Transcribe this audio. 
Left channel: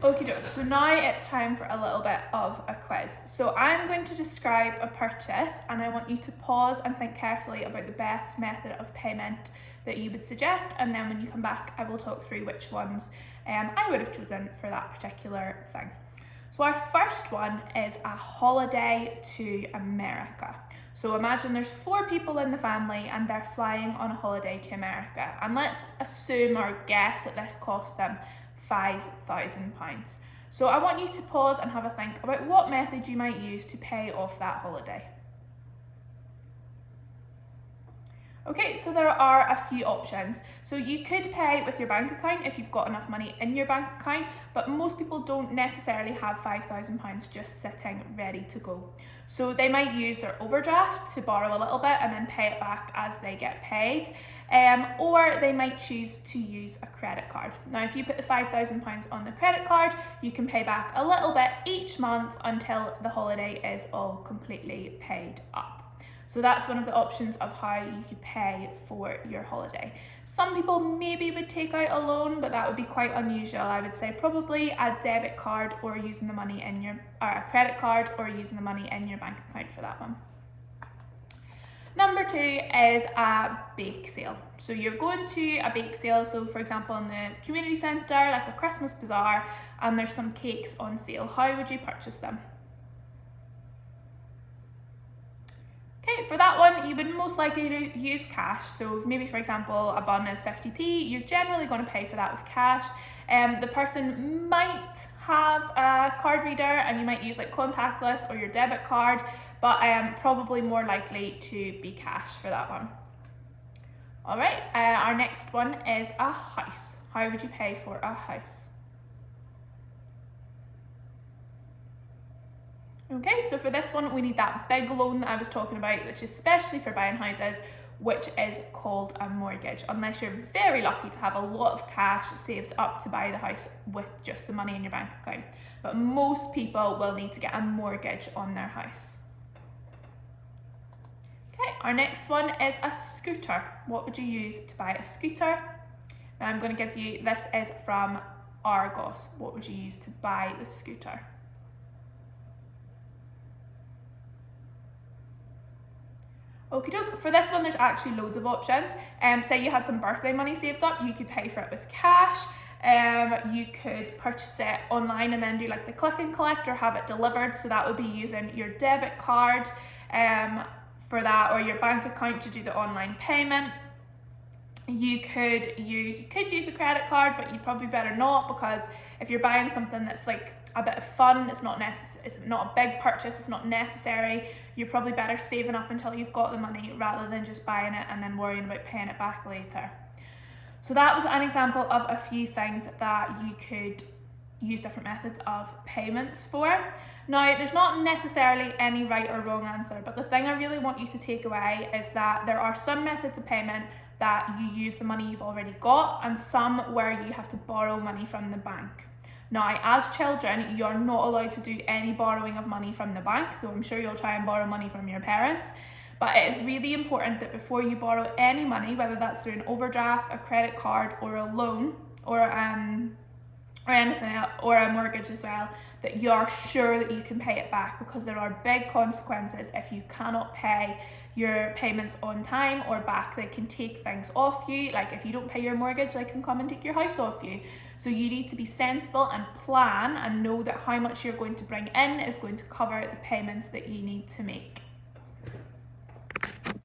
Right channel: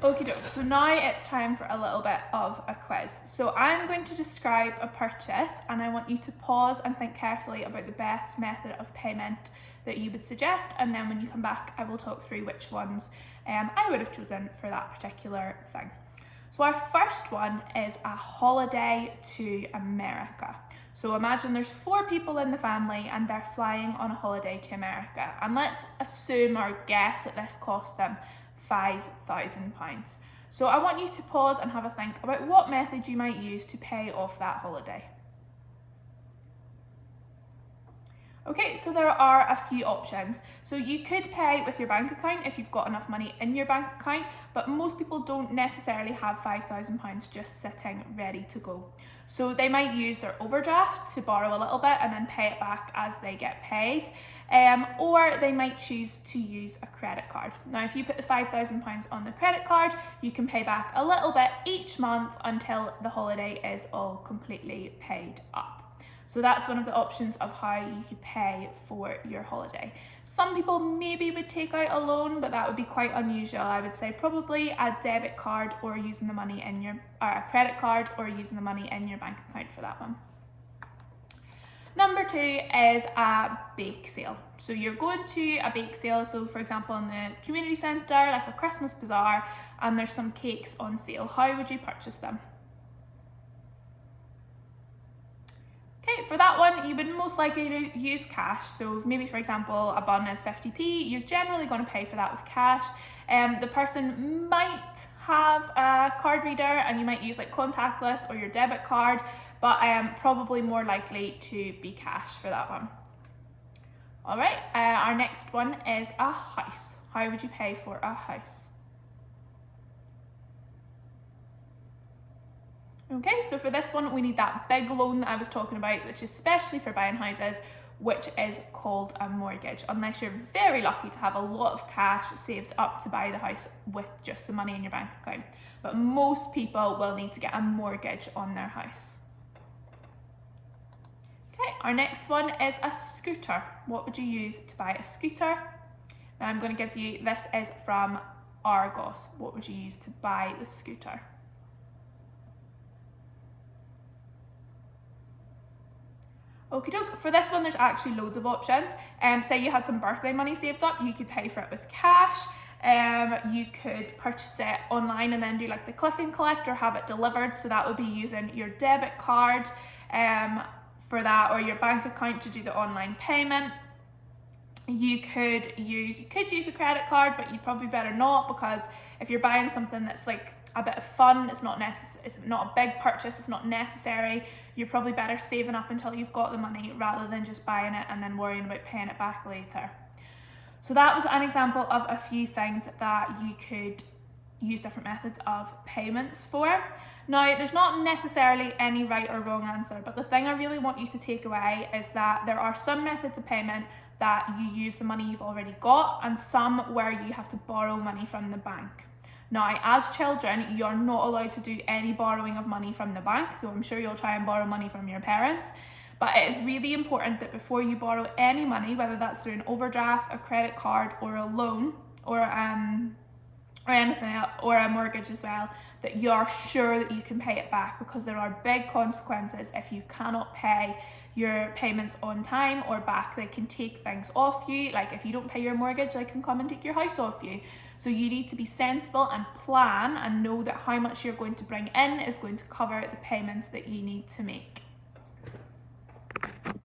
Okie doke, so now it's time for a little bit of a quiz. So I'm going to describe a purchase and I want you to pause and think carefully about the best method of payment that you would suggest, and then when you come back I will talk through which ones I would have chosen for that particular thing. So our first one is a holiday to America. So imagine there's 4 people in the family and they're flying on a holiday to America, and let's assume or guess that this cost them £5,000. So I want you to pause and have a think about what method you might use to pay off that holiday. Okay, so there are a few options. So you could pay with your bank account if you've got enough money in your bank account, but most people don't necessarily have £5,000 just sitting ready to go. So they might use their overdraft to borrow a little bit and then pay it back as they get paid. Or they might choose to use a credit card. Now, if you put the £5,000 on the credit card, you can pay back a little bit each month until the holiday is all completely paid up. So that's one of the options of how you could pay for your holiday. Some people maybe would take out a loan, but that would be quite unusual. I would say probably a debit card or using the money in your, or a credit card or using the money in your bank account for that one. Number 2 is a bake sale. So you're going to a bake sale, so for example in the community centre, like a Christmas bazaar, and there's some cakes on sale. How would you purchase them? Okay, for that one, you would most likely use cash. So maybe, for example, a bun is 50p, you're generally going to pay for that with cash. The person might have a card reader and you might use like contactless or your debit card, but probably more likely to be cash for that one. All right, our next one is a house. How would you pay for a house? Okay, so for this one, we need that big loan that I was talking about, which is especially for buying houses, which is called a mortgage, unless you're very lucky to have a lot of cash saved up to buy the house with just the money in your bank account. But most people will need to get a mortgage on their house. Okay, our next one is a scooter. What would you use to buy a scooter? Now I'm going to give you, this is from Argos. What would you use to buy the scooter? Okie doke, for this one there's actually loads of options. Say you had some birthday money saved up, you could pay for it with cash. You could purchase it online and then do like the click and collect or have it delivered, so that would be using your debit card for that, or your bank account to do the online payment. You could use a credit card, but you'd probably better not, because if you're buying something that's like a bit of fun, it's not a big purchase, it's not necessary, you're probably better saving up until you've got the money rather than just buying it and then worrying about paying it back later. So that was an example of a few things that you could use different methods of payments for. Now, there's not necessarily any right or wrong answer, but the thing I really want you to take away is that there are some methods of payment that you use the money you've already got, and some where you have to borrow money from the bank. Now, as children, you're not allowed to do any borrowing of money from the bank, though I'm sure you'll try and borrow money from your parents. But it is really important that before you borrow any money, whether that's through an overdraft, a credit card, or a loan, or anything else, or a mortgage as well, that you're sure that you can pay it back, because there are big consequences if you cannot pay your payments on time or back. They can take things off you, like if you don't pay your mortgage, they can come and take your house off you. So you need to be sensible and plan and know that how much you're going to bring in is going to cover the payments that you need to make.